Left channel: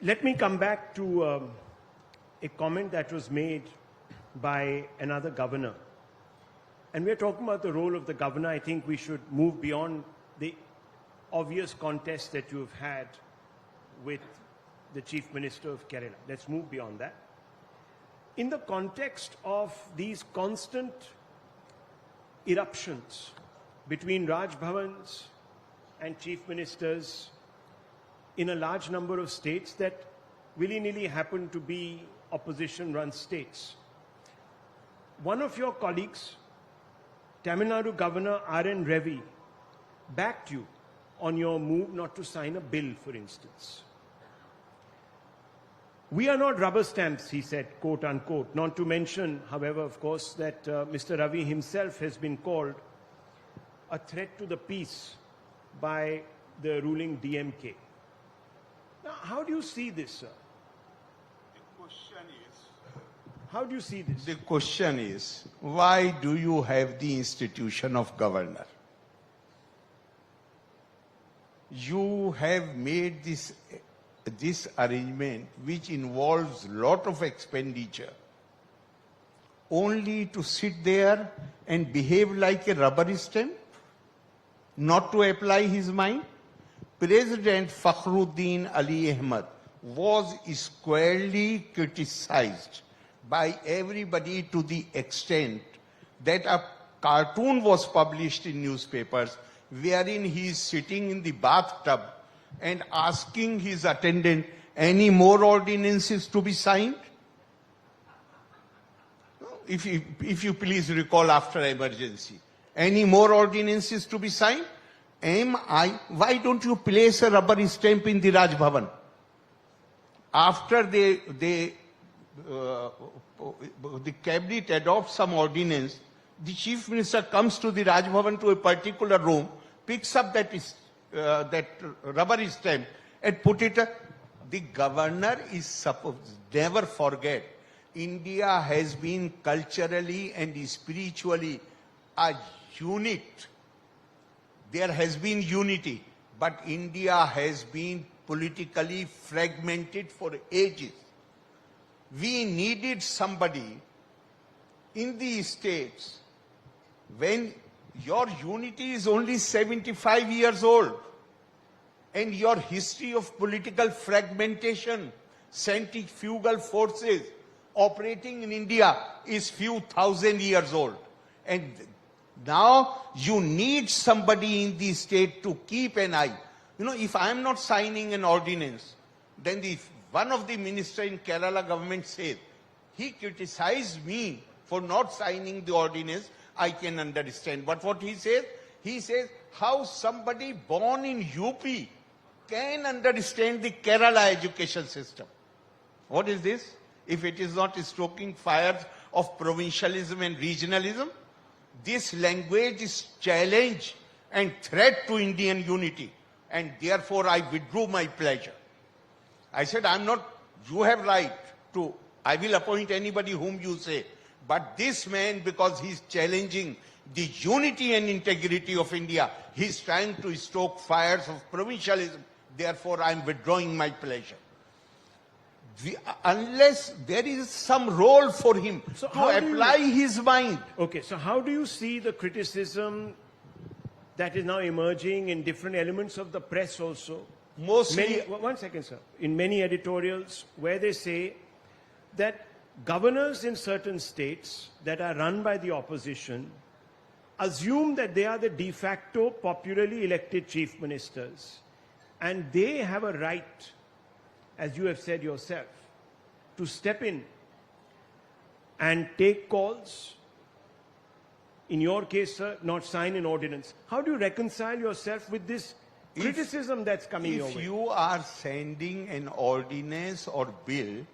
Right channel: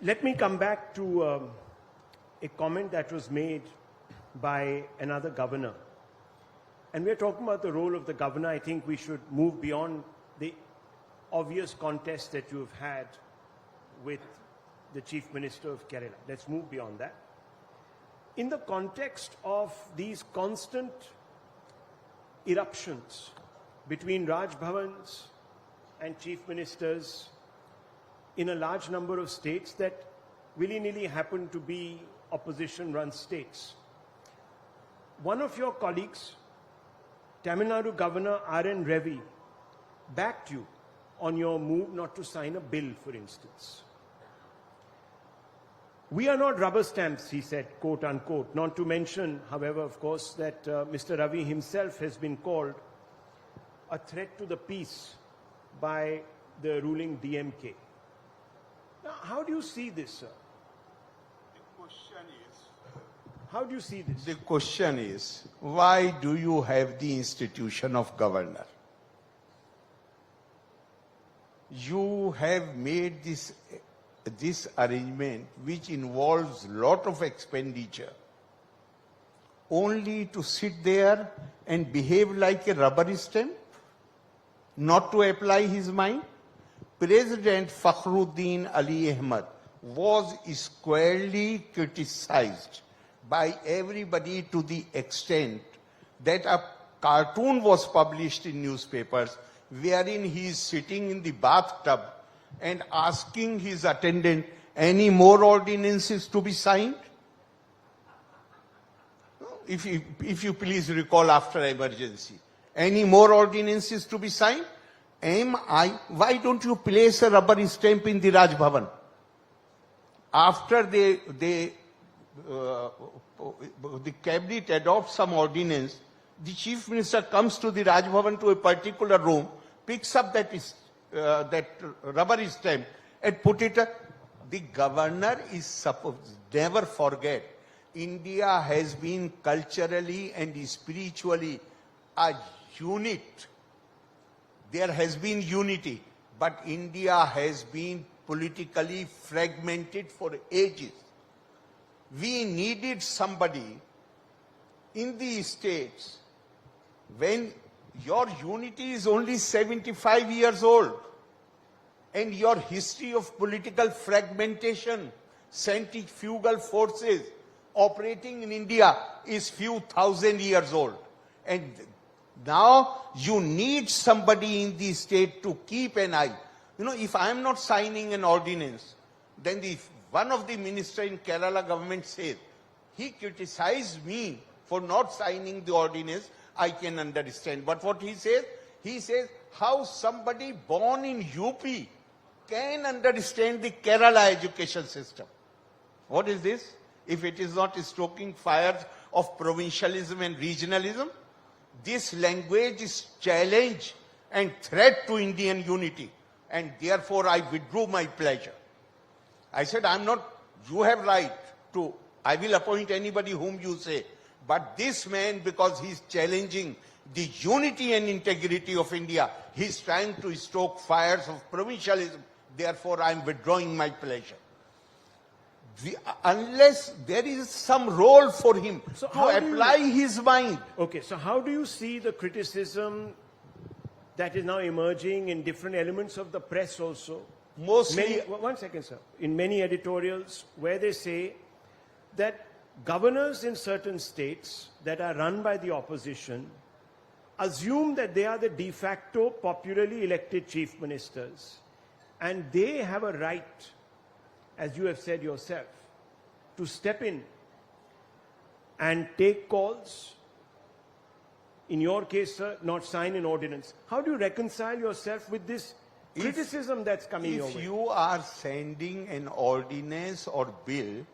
Let me come back to a comment that was made by another governor. And we're talking about the role of the governor. I think we should move beyond the obvious contest that you've had with the Chief Minister of Kerala. Let's move beyond that. In the context of these constant eruptions between Raj Bhavans and Chief Ministers in a large number of states that willy-nilly happen to be opposition-run states. One of your colleagues, Tamil Nadu Governor R.N. Ravi, backed you on your move not to sign a bill, for instance. We are not rubber stamps, he said, quote unquote. Not to mention, however, of course, that Mr. Ravi himself has been called a threat to the peace by the ruling DMK. Now, how do you see this, sir? The question is, how do you see this? the question is, why do you have the institution of governor? You have made this arrangement which involves lot of expenditure only to sit there and behave like a rubber stamp, not to apply his mind. President Fakhruddin Ali Ahmed was squarely criticized by everybody to the extent that a cartoon was published in newspapers wherein he is sitting in the bathtub and asking his attendant, any more ordinances to be signed? If you please recall after emergency. Any more ordinances to be signed? Why don't you place a rubber stamp in the Raj Bhavan? After the cabinet adopts some ordinance, the chief minister comes to the Raj Bhavan to a particular room, picks up that rubber stamp and put it. The governor is supposed, never forget, India has been culturally and spiritually a unit. There has been unity, but India has been politically fragmented for ages. We needed somebody in the states when your unity is only 75 years old and your history of political fragmentation, centrifugal forces operating in India is few thousand years old. And now you need somebody in the state to keep an eye. You know, if I am not signing an ordinance, then one of the ministers in Kerala government says, he criticized me for not signing the ordinance, I can understand. But what he says, how somebody born in UP can understand the Kerala education system. What is this? If it is not stoking fires of provincialism and regionalism, this language is challenge and threat to Indian unity. And therefore I withdrew my pleasure. I said, you have right to, I will appoint anybody whom you say. But this man, because he's challenging the unity and integrity of India, he's trying to stoke fires of provincialism. Therefore, I'm withdrawing my pleasure. Unless there is some role for him to apply his mind. Okay, so how do you see the criticism that is now emerging in different elements of the press also? One second, sir. In many editorials where they say that governors in certain states that are run by the opposition assume that they are the de facto popularly elected chief ministers and they have a right, as you have said yourself, to step in and take calls. In your case, sir, not sign an ordinance. How do you reconcile yourself with this criticism that's coming your way? If you are sending an ordinance or bill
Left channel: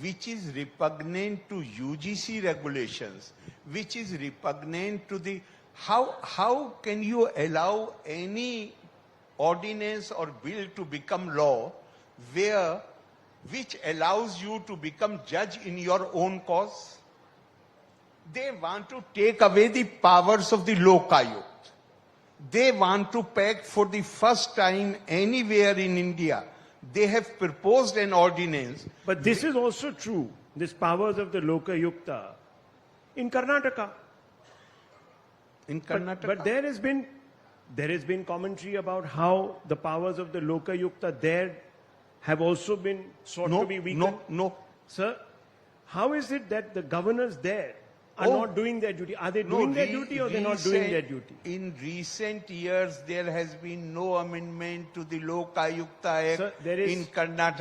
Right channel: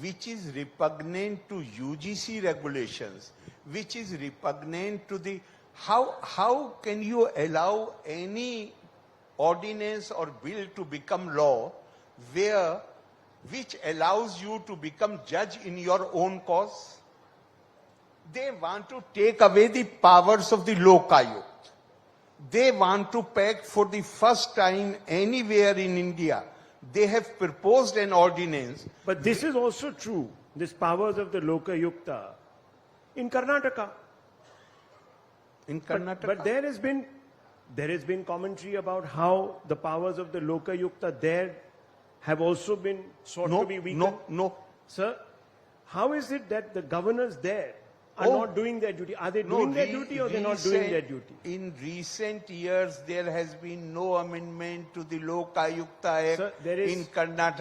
which is repugnant to UGC regulations, which is repugnant to the... How can you allow any ordinance or bill to become law which allows you to become judge in your own cause? They want to take away the powers of the Lokayut. They want to peg for the first time anywhere in India they have proposed an ordinance. But this is also true, this powers of the Lokayukta in Karnataka. In Karnataka. But there has been commentary about how the powers of the Lokayukta there have also been sought to be weakened. No. Sir, how is it that the governors there are not doing their duty? Are they doing their duty or they're not doing their duty? In recent years, there has been no amendment to the Lokayukta Act Sir, in Karnataka.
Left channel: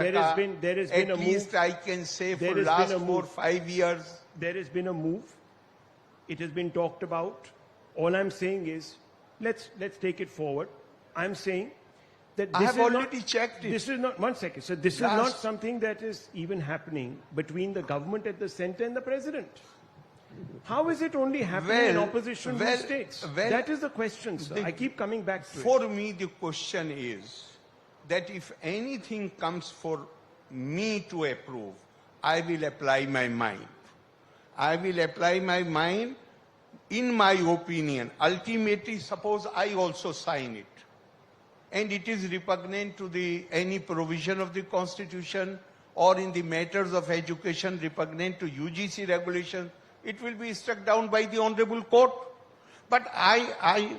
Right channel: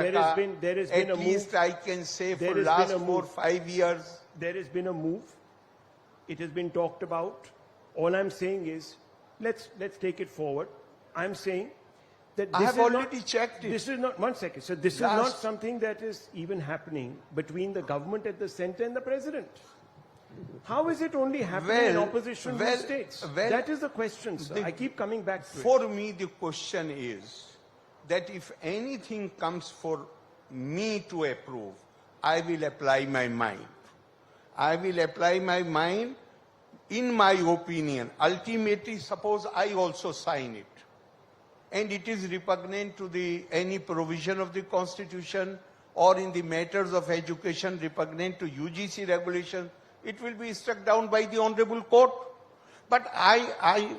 there has been a At move. least I can say There for has last been a 4-5 years. There has been a move. It has been talked about. All I'm saying is, let's take it forward. I'm saying that I this have is already checked it. This is not, one second, so this is not something that is even happening between the government at the center and the president. How is it only happening in opposition states? That is the question, sir. I keep coming back to it. For me, the question is that if anything comes for me to approve, I will apply my mind. I will apply my mind in my opinion. Ultimately, suppose I also sign it, and it is repugnant to any provision of the Constitution or in the matters of education repugnant to UGC regulation, it will be struck down by the Honorable Court. But I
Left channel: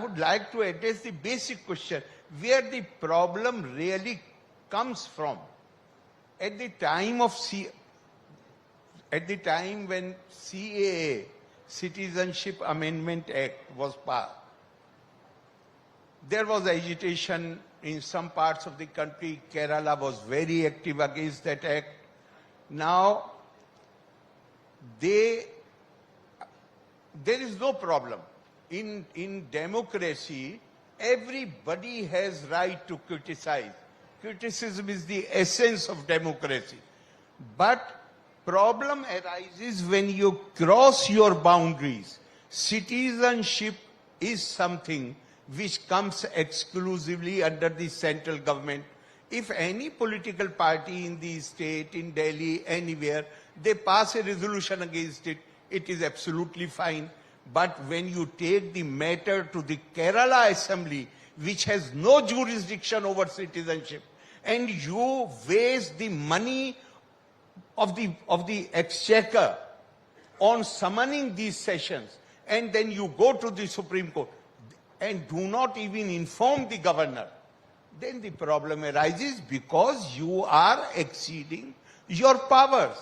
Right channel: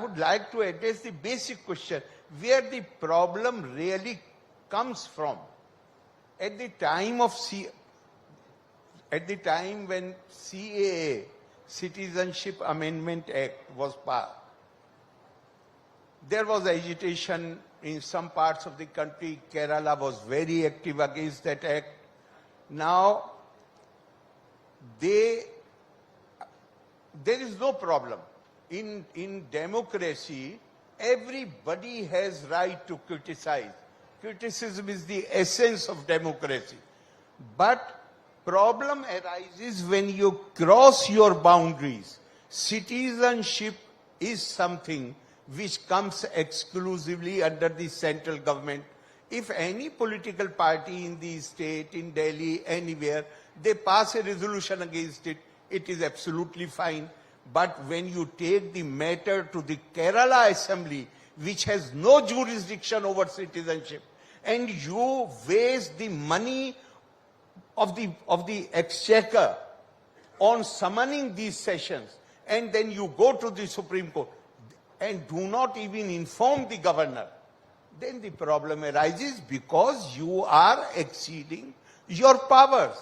would like to address the basic question, where the problem really comes from. At the time when CAA, Citizenship Amendment Act, was passed, there was agitation in some parts of the country. Kerala was very active against that act. Now, there is no problem. In democracy, everybody has right to criticize. Criticism is the essence of democracy. But problem arises when you cross your boundaries. Citizenship is something which comes exclusively under the central government. If any political party in the state, in Delhi, anywhere, they pass a resolution against it, it is absolutely fine. But when you take the matter to the Kerala Assembly, which has no jurisdiction over citizenship, and you waste the money of the exchequer on summoning these sessions, and then you go to the Supreme Court and do not even inform the governor, then the problem arises because you are exceeding your powers.